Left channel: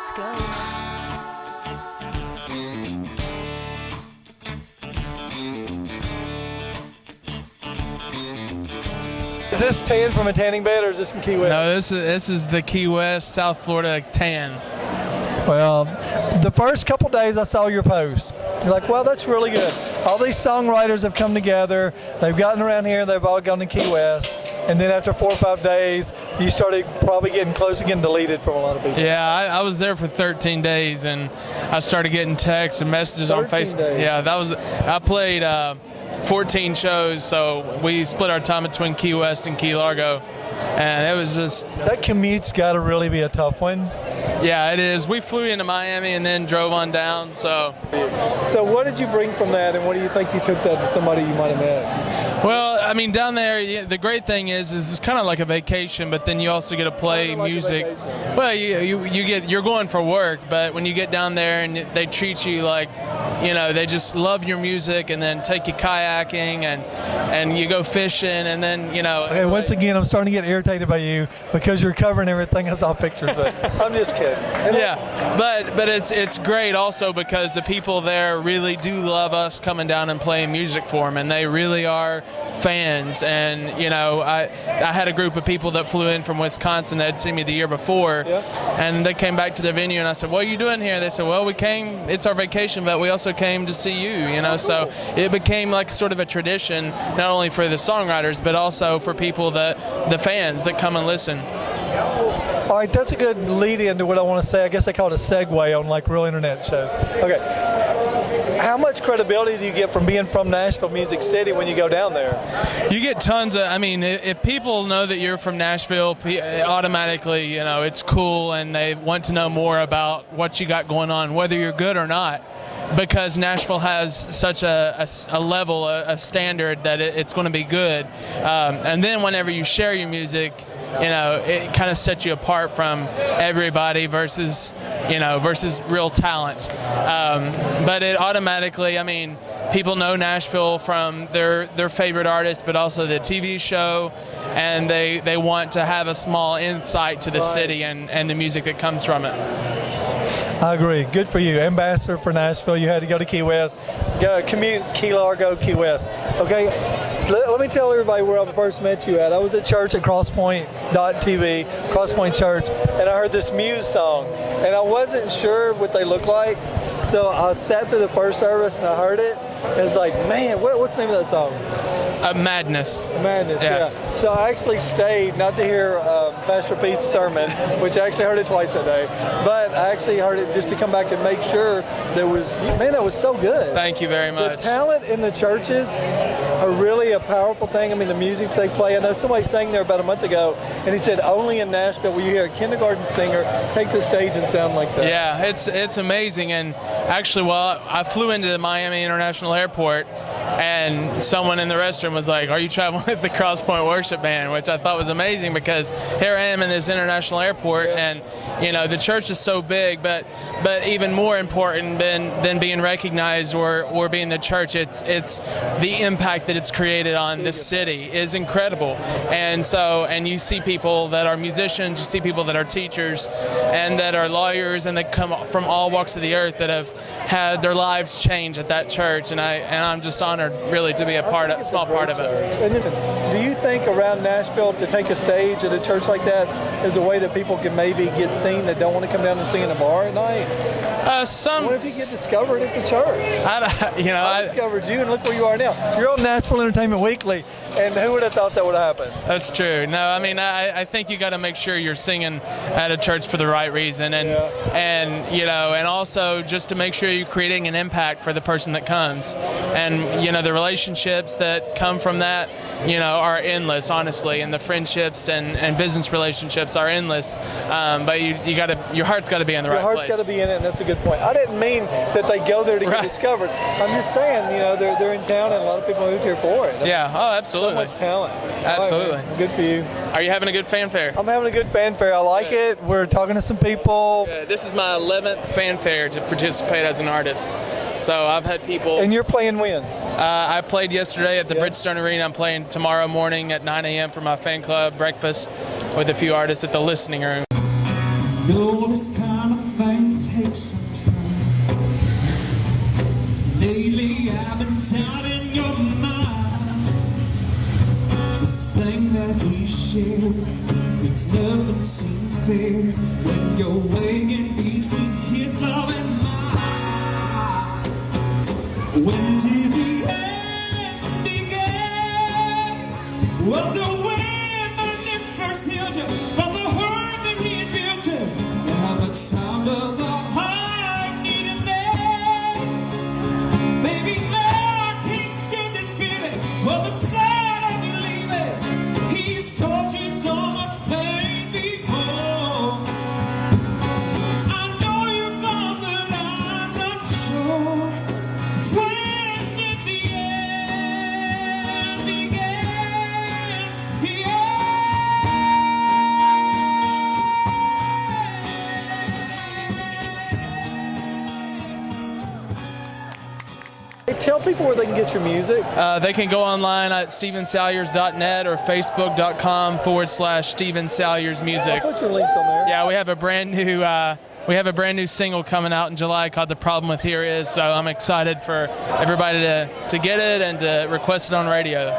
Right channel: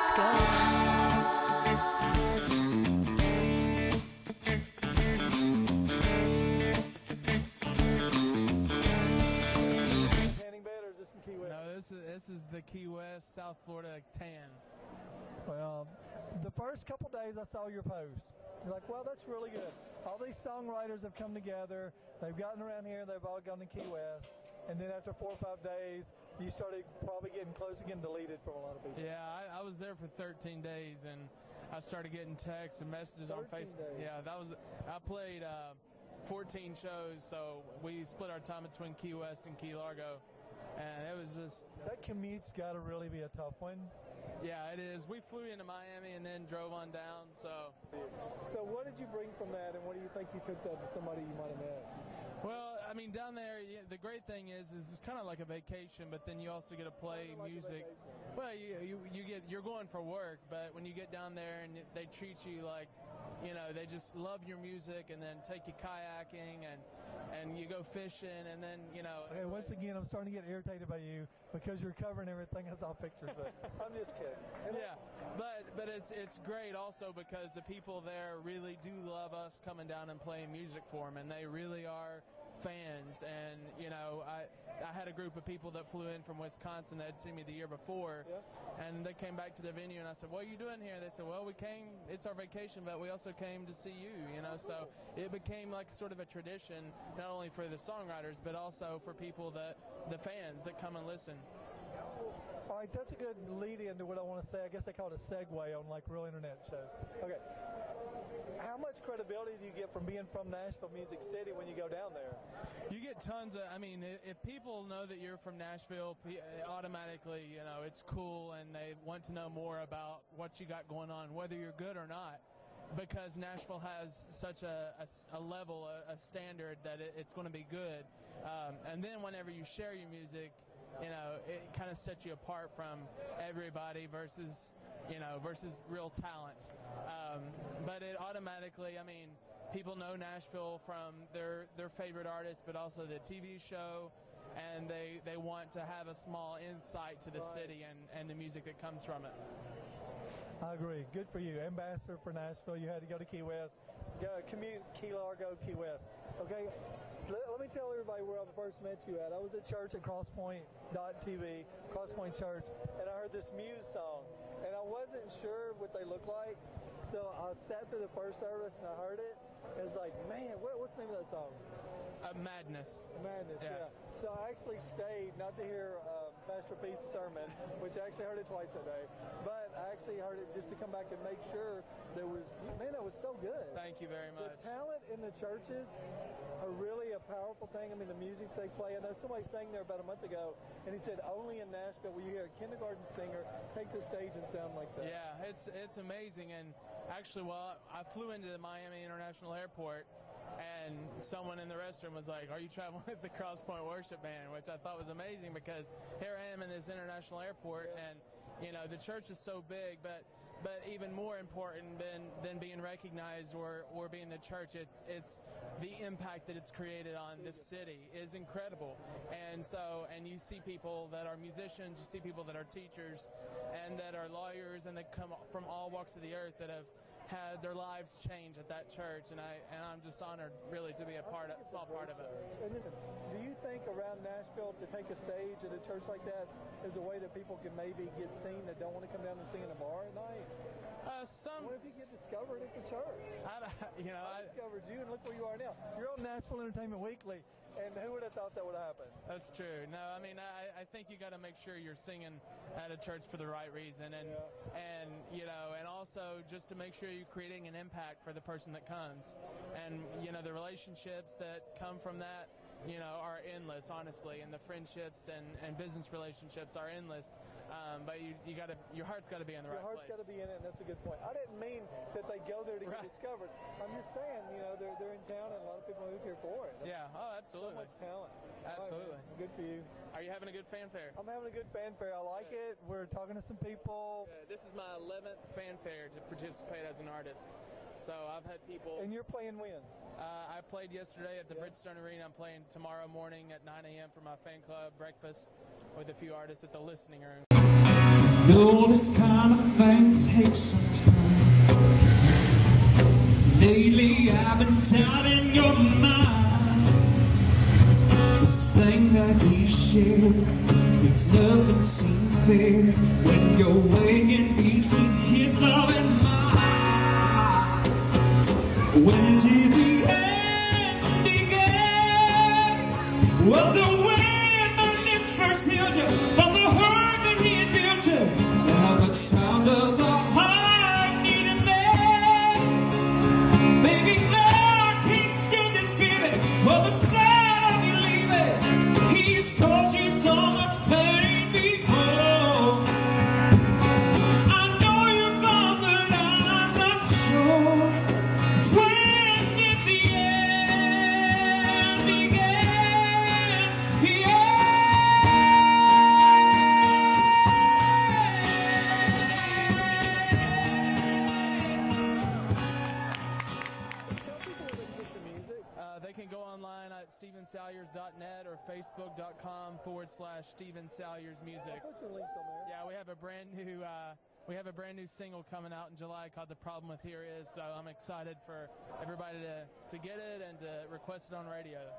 let's go. Is this tan from a tanning bed, or is this from Key West? No, this is the Key West, South Florida tan. Well, the first couple days I saw your post. You're like, well, that's really good. All these songwriters have come together. They've gotten around here. They've all gone to Key West. And then after 4 or 5 days, you started probably getting close to getting deleted from a lot of people. Yeah, I was there for 13 days, and I started geting texts and messages on Facebook. Days. Yeah, I played 14 shows, so we split our time between Key West and Key Largo, and it was just... That commute's got to really be a tough one. Yeah, it is. We flew into Miami and then drove on down, so... So what did you bring from that, and what do you think you took that to somebody you might have met? Well, I mean, down there, the great thing is it's kind of like a vacation, but then you also get to play music. Well, you're going for work, but when you get down there and they treat you like, you know, they just love your music, and then take you kayaking, and you go fishing, and then, you know. Okay, once again, I'm starting to get irritated by you because you're covering everything. I saw pictures of. I'm just kidding. Yeah, but it's great also because the people there really do love us coming down and playing music for them, and they really are fans. And, you know, I had a group of people that flew in from Wisconsin that had seen me the year before, and they came back to the venue, and I said, what are you doing here? They said, well, we came, it's our vacation, but we also came to see you, you know. So it became like sort of a tradition, not only for the songwriters, but also for people the fans that come and listen. All right, that's a good lead into what I want to say. I guess they call it a segue on like real internet shows. Okay, how much credibility do you get from being from Nashville, Music City, when you go down there? You get tons of, I mean, if people know that you're from Nashville, automatically, you know, it's cool, and they want to know more about what you got going on, whether you're good or not, because Nashville has such a level, a standard that it's going to be good. And then whenever you share your music, you know, it kind of sets you apart from everybody versus real talent. But it automatically, I mean, people know Nashville from their favorite artists, but also the TV show, and they want to have a small insight to the city and the music that comes from it. I agree. Good for you. Ambassador for Nashville. You had to go to Key West. Commute Key Largo, Key West. Okay, let me tell everybody where I first met you at. I was at church at CrossPoint.tv, Crosspoint Church, and I heard this Muse song. And I wasn't sure what they looked like, so I sat through the first service and I heard it. And it's like, man, what's the name of that song? Madness. Madness, yeah. So I actually stayed, not to hear Pastor Pete's sermon, which I actually heard it twice that day, but I actually heard it just to come back and make sure there was, man, that was so good. Thank you very much. The talent in the churches are really a powerful thing. I mean, the music they play. I know somebody sang there about a month ago, and he said only in Nashville will you hear a kindergarten singer take the stage and sound like that. Yeah, it's amazing. And actually, well, I flew into the Miami International Airport, and someone in the restroom was like, are you traveling with the Crosspoint Worship Band? Which I thought was amazing, because here I am in this international airport, and, you know, the church is so big, but even more important than being recognized or being the church, it's the impact that it's created on this city is incredible. And so, and you see people that are musicians, you see people that are teachers, and that are lawyers, and that come from all walks of the earth that have had their lives change at that church, and I'm just honored really to be a small part of it. And listen, do you think around Nashville to take a stage at a church like that is a way that people can maybe get seen that don't want to come down and sing in a bar at night? What if you get discovered at the church? I discovered you, and look where you are now. You're on Nashville Entertainment Weekly, and who would have thought that would happen? That's true. No, I mean, I think you got to make sure you're singing at a church for the right reason, and you know, and also just to make sure you're creating an impact for the person that comes, and you know, the relationships that come from that, you know, are endless, honestly, and the friendships and business relationships are endless. But your heart's got to be in the right place. Your heart's got to be in it, and that's a good point. I didn't mean that they go there to get discovered. I'm just saying, you know, they're in town, and a lot of people moved here for it. Yeah. Oh, absolutely. So much talent. Absolutely. Right, good for you. Are you having a good fanfare? I'm having a good fanfare. I like it. We're talking to some people. Good. This is my 11th fanfare to participate as an artist. So I've had people. And you're playing when? I played yesterday at the Bridgestone Arena. I'm playing tomorrow morning at 9 a.m. for my fan club breakfast with a few artists at the Listening Room. know this kind of thing takes some time. Lately I've been down in your mind. This thing that we share makes nothing seem fair when you're weighing between his love and mine. When did the end begin? Was the way my lips first held you from the hurt that he had built you? How much time does a heart need a man? Baby, I can't stand this feeling of the sight of you leaving. He's caused you so much pain before. I know you're gone, but I'm not sure. When did the end begin? Yeah. Tell people where they can get your music. They can go online at stevensalyers.net or facebook.com/Steven Salyers Music. I'll put your links on there. Yeah, we have a brand new single coming out in July called "The Problem with Here Is." So I'm excited for everybody to get it and to request it on radio.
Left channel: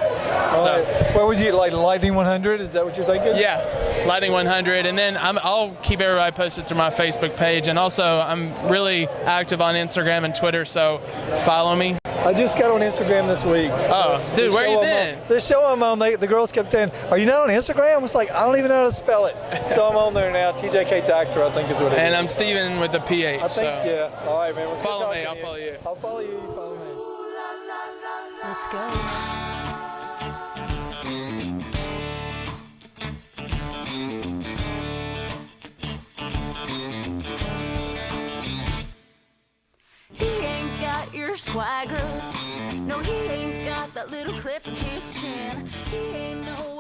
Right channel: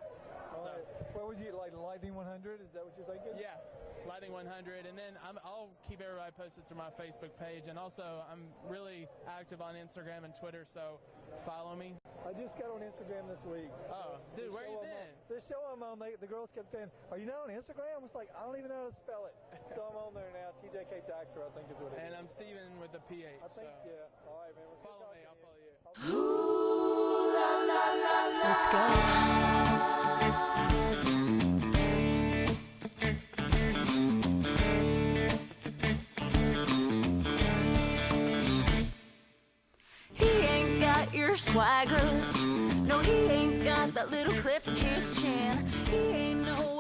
All right. Where would you like Lightning 100? Is that what you're thinking? Yeah, Lightning 100, and then I'll keep everybody posted through my Facebook page, and also I'm really active on Instagram and Twitter, so follow me. I just got on Instagram this week. Oh, dude, where you been? The show I'm on, the girls kept saying, "Are you not on Instagram?" I was like, "I don't even know how to spell it." So I'm on there now. TJ Kate's Actor, I think is what it is. And I'm Steven with the PH. I think, yeah. All right, man. Follow me. I'll follow you. I'll follow you. Let's go. He ain't got your swagger. No, he ain't got that little cleft in his chin. He ain't no